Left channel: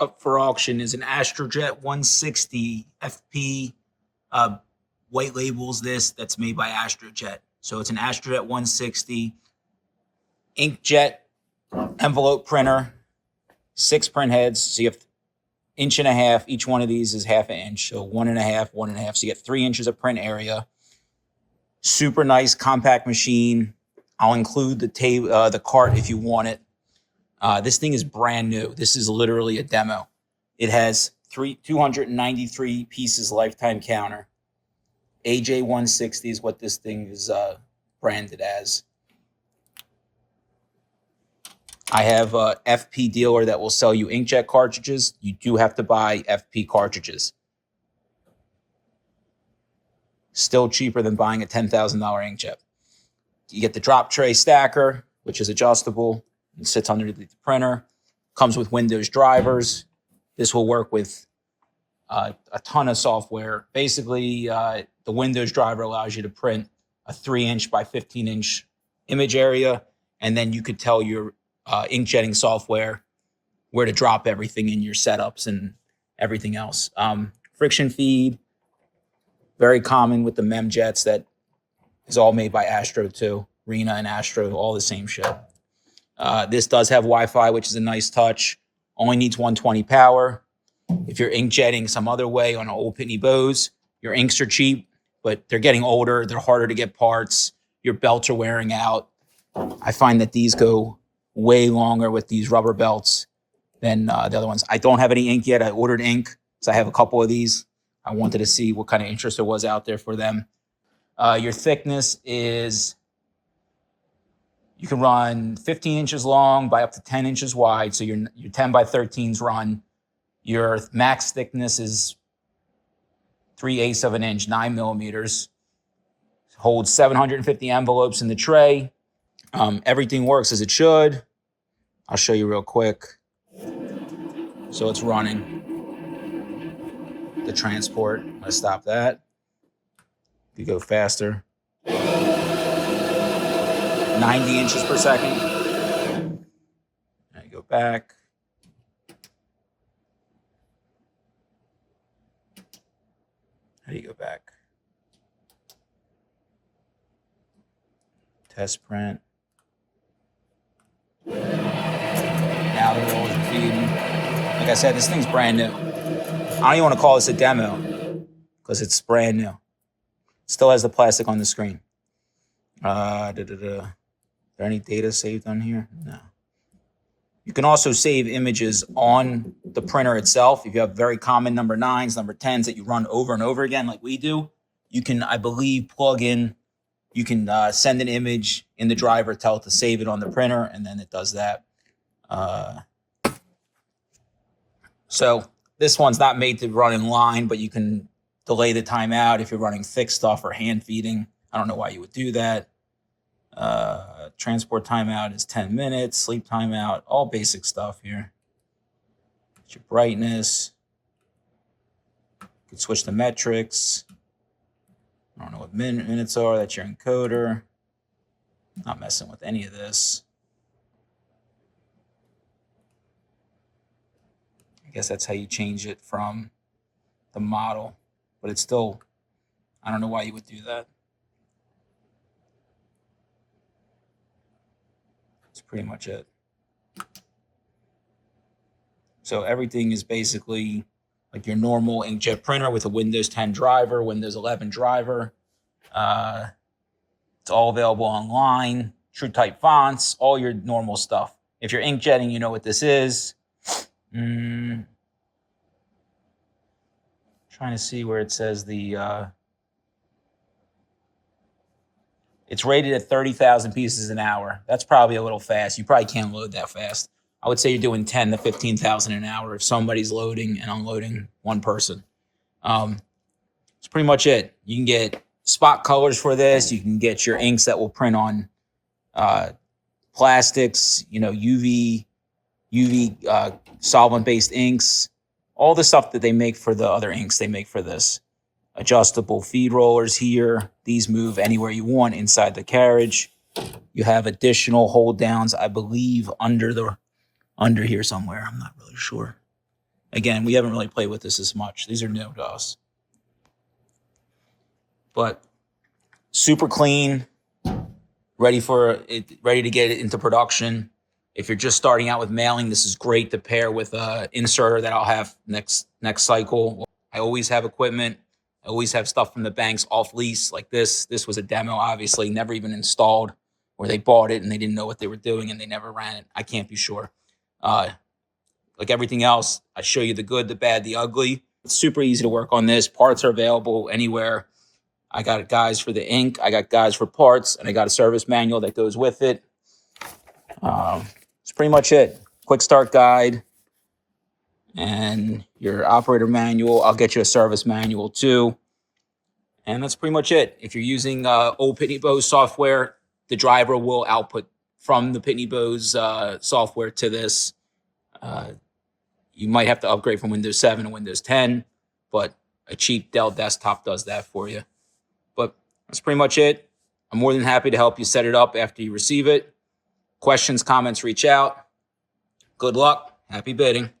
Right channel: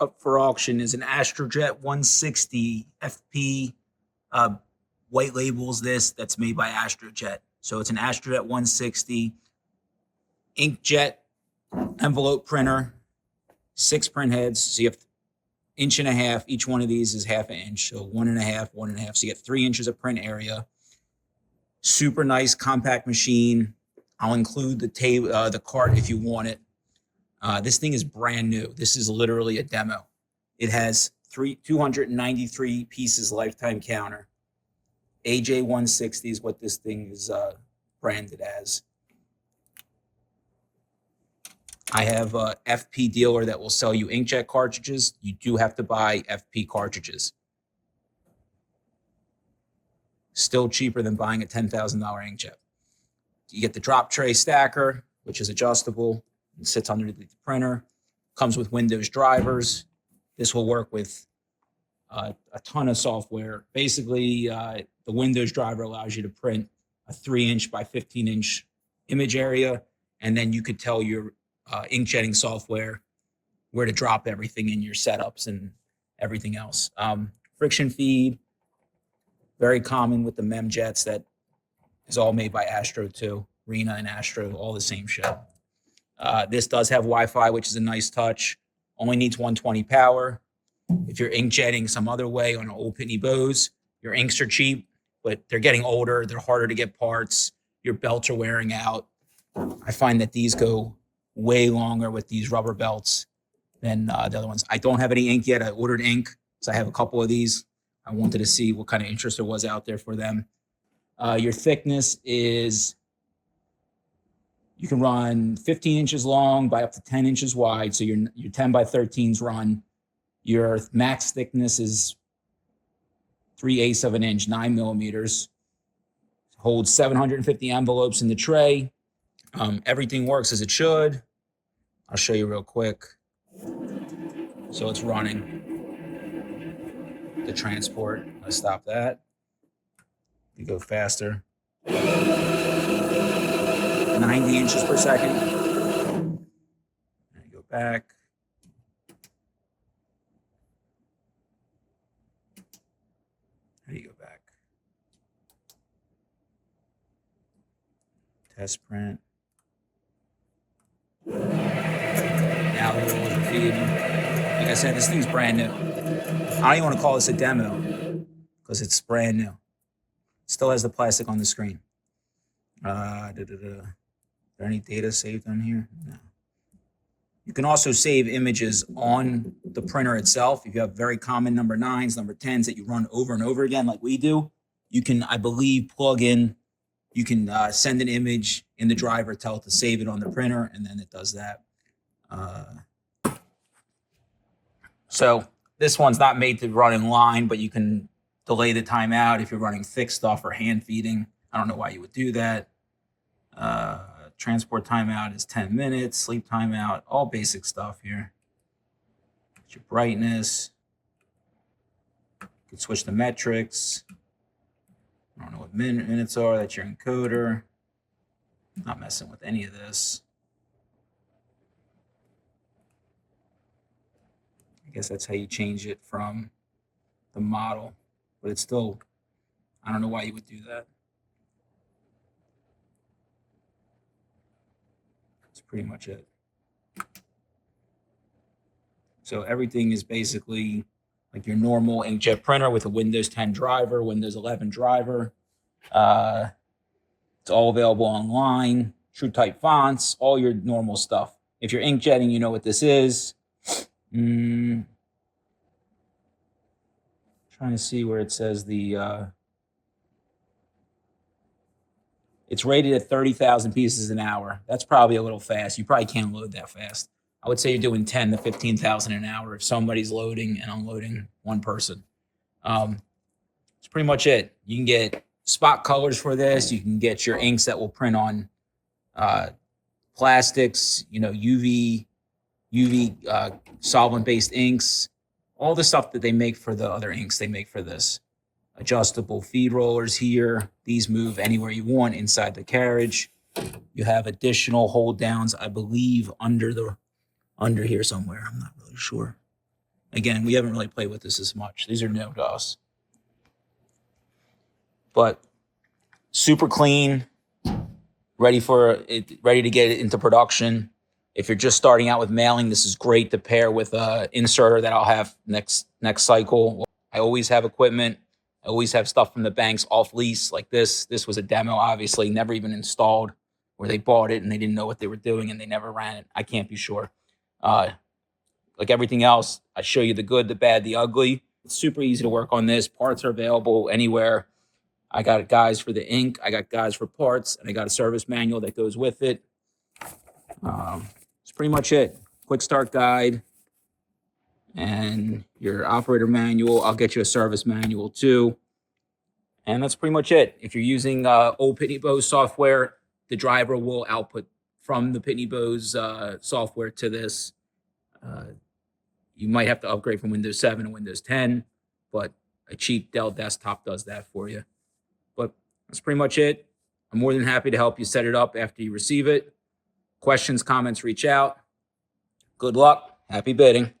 up for auction is an Astrojet 160 FP. White labels this. That's made by Astrojet. So it's an Astrojet 160 inkjet envelope printer, 6 print heads. So you have 1.5 inches. Each one of these is 1/2 inch. So 1.5, 1.5. So you get 3 inches of print area. Super nice compact machine. I'll include the cart if you want it. This thing is brand new. This is literally a demo. It has 293 pieces lifetime counter. AJ-160 is what this thing is branded as. I have a FP dealer that will sell you inkjet cartridges. You do have to buy FP cartridges. Still cheaper than buying a $10,000 inkjet. You get the drop tray stacker, which is adjustable. It sits underneath the printer. Comes with Windows drivers. This will work with a ton of software. Basically, the Windows driver allows you to print a 3-inch by 15-inch image area, and then you could tell your inkjetting software where to drop everything in your setups and everything else. Friction feed, very common with the memjets. That is all made by Astro too. Rena and Astro, all the same shit. This does have Wi-Fi, which is a nice touch. Only needs 120 power. If you're inkjetting some other way on old Pitney Bowes, your inks are cheap, but they're getting older. They're harder to get parts. Your belts are wearing out. I find that these go way longer with these rubber belts than the other ones. I don't have any ink yet. I ordered ink, so I have a couple of these. I wanted to see what kind of interest there was out there for them. Your thickness is, you can run 15 inches long by up to 10 inches wide. So your 10 by 13s run. Your max thickness is 3/8 of an inch, 9 millimeters. Holds 750 envelopes in the tray. Everything works as it should. I'll show you real quick. So it's running the transport. Let's stop that. You go faster. 90 inches per second. Now you go back. How do you go back? Test print. Now we're rolling feeding. Like I said, this thing's brand new. I don't even want to call this a demo because it's brand new. It still has the plastic on the screen. Is there any data saved on here? No. You can also save images on the printer itself. If you have very common number 9s, number 10s that you run over and over again like we do, you can, I believe, plug in. You can send an image in the driver, tell it to save it on the printer, and then it does that. So this one's not made to run in line, but you can delay the timeout if you're running thick stuff or hand feeding. I don't know why you would do that. Transport timeout is 10 minutes. Sleep timeout, all basic stuff here. Get your brightness. You can switch the metrics. I don't know what minutes are. That's your encoder. Not messing with any of this. I guess that's how you change it from the model, but it's still, I don't know why you would do that. That's pretty much it. So everything is basically like your normal inkjet printer with a Windows 10 driver, Windows 11 driver. It's all available online, TrueType fonts, all your normal stuff. If you're inkjetting, you know what this is. Trying to see where it says the, it's rated at 30,000 pieces an hour. That's probably a little fast. You probably can't load that fast. I would say you're doing 10 to 15,000 an hour if somebody's loading and unloading one person. That's pretty much it. You can get spot colors for this. You can get your inks that will print on plastics, you know, UV solvent-based inks. All the stuff that they make for the other inks, they make for this. Adjustable feed rollers here. These move anywhere you want inside the carriage. You have additional hold downs, I believe, under here somewhere. I'm not really sure. Again, we haven't really played with this as much. These are new to us. But super clean, ready to get it into production. If you're just starting out with mailing, this is great to pair with an inserter that I'll have next cycle. I always have equipment. I always have stuff from the banks off lease like this. This was a demo, obviously, never even installed, where they bought it and they didn't know what they were doing and they never ran it. I can't be sure. Like everything else, I show you the good, the bad, the ugly. It's super easy to work on this. Parts are available anywhere. I got guys for the ink, I got guys for parts, and I got a service manual that goes with it. That's pretty much it. Quick start guide and your operator manual. I'll get you a service manual too. And that's pretty much it. If you're using old Pitney Bowes software, the driver will output from the Pitney Bowes software to this. You might have to upgrade from Windows 7 to Windows 10, but a cheap Dell desktop does that for you. But that's pretty much it. I'm more than happy to help you set it up after you receive it. Questions, comments, reach out. Good luck. Happy bidding.